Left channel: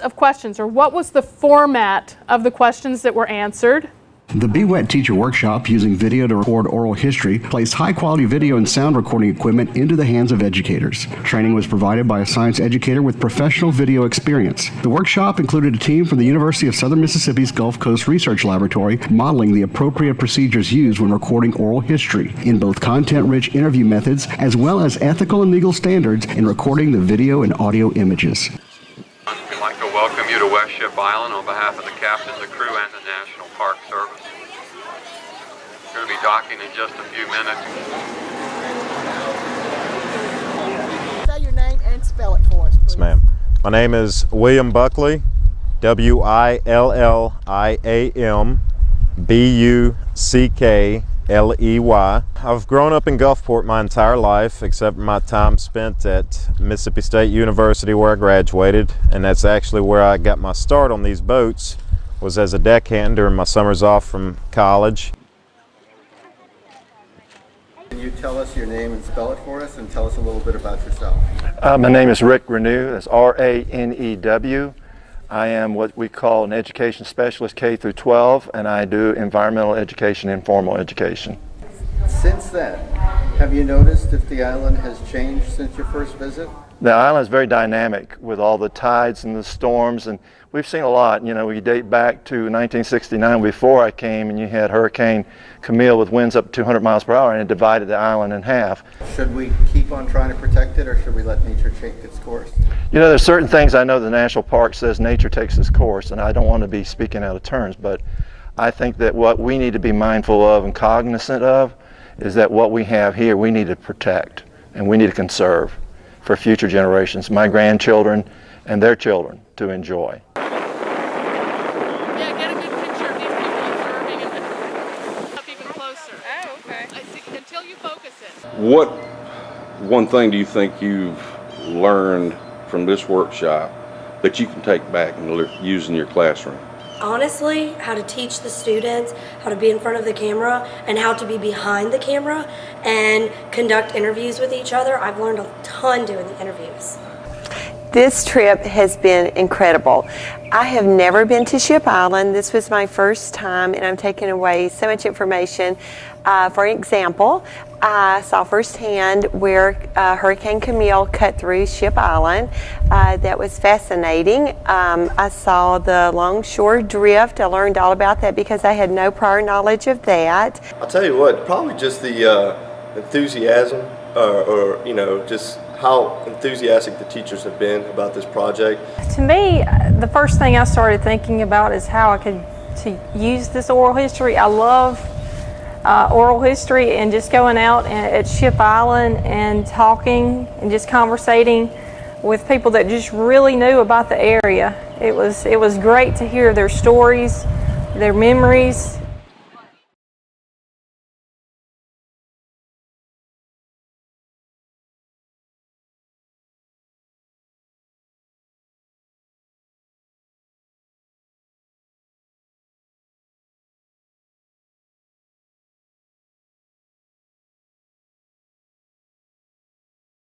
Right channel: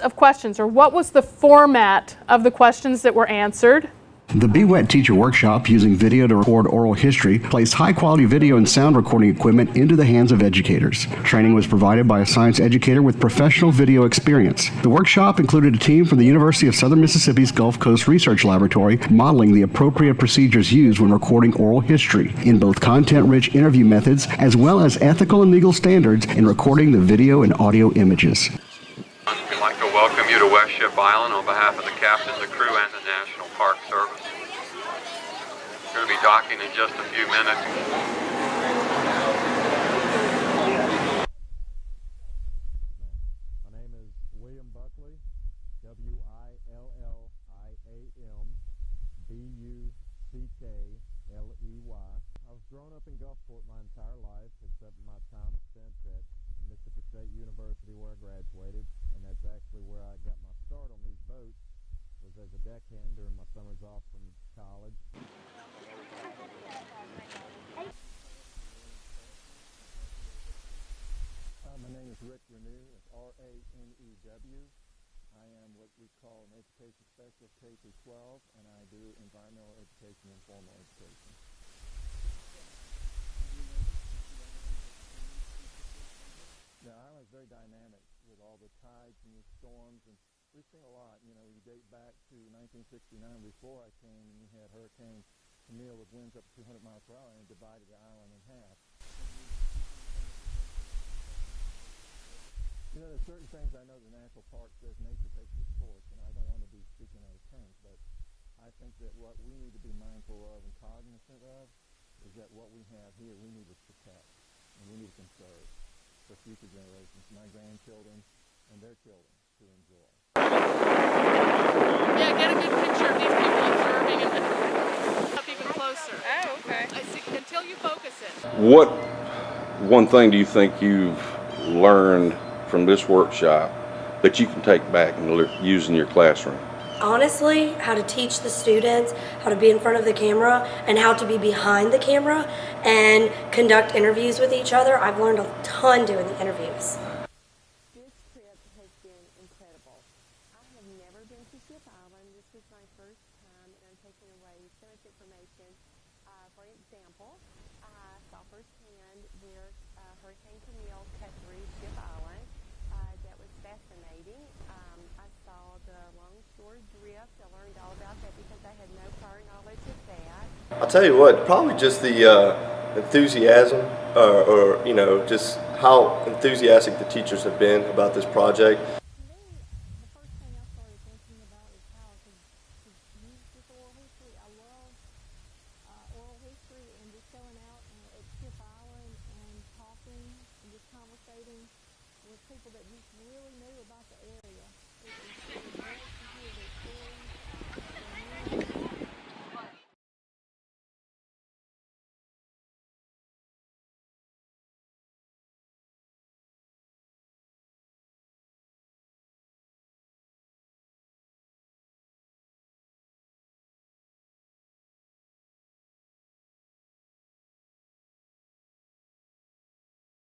of questions, or what was the format of the questions that were answered? The BWET teacher workshop, using video to record oral history, placed high-quality video and sound recording equipment into the hands of educators. Training was provided by a science educator with professional video experience. The workshop included a team from the University of Southern Mississippi's Gulf Coast Research Laboratory modeling the appropriate procedures used when recording oral history in both content-rich interview methods as well as ethical and legal standards in recording the video and audio images. We'd like to welcome you to West Ship Island on behalf of the captain, the crew, and the National Park Service. We're going to be docking in just a few minutes. Say your name and spell it for us, please. Yes, ma'am. My name is William Buckley, William Buckley. I've grown up in Gulfport my entire life, except for my time spent at Mississippi State University, where I graduated, and that's actually where I got my start on these boats, was as a deckhand during my summers off from college. Can you tell us your name and spell it for us, and tell us a little bit about yourself? My name is Rick Renew. That's R-A-N-E-W. I am what we call an education specialist K through 12, and I do environmental education and formal education. Since then, have you noticed if the island has changed since your first visit? The island is very dynamic with all the tides and the storms, and we've seen a lot. You know, we date back to 1969 before I came, and you had Hurricane Camille with winds up to 200 miles per hour, and it divided the island in half. Should we keep on trying to protect it, or should we let nature take its course? You know, there's certain things I know the National Park says nature takes its course, and I don't want to be speaking out of turns, but I think that what we need to be mindful of and cognizant of is that what we have here we need to protect and we need to conserve for future generations, my grandchildren and their children, to enjoy. Yeah, get a good picture of these people observing and up even closer. Oh, okay. Until you focus it. What one thing do you think you've learned from this workshop that you can take back and use in your classroom? Honestly, how to teach the students how to be in front of the camera and how to be behind the camera and conduct interviews with each other. I've learned a ton doing the interviews. This trip has been incredible. I have never been to Ship Island. This was my first time, and I'm taking away so much information. For example, I saw firsthand where Hurricane Camille cut through Ship Island. That was fascinating. I saw the longshore drift. I learned all about that because I had no prior knowledge of that. I'll tell you what, probably just the enthusiasm or you know, just how enthusiastic the teachers have been about this project. To me, the first thing I started thinking about is how I could use this oral history. I love oral history, and just going out at Ship Island and talking and just conversating with people that just really knew about the area. It was great to hear their stories, their memories,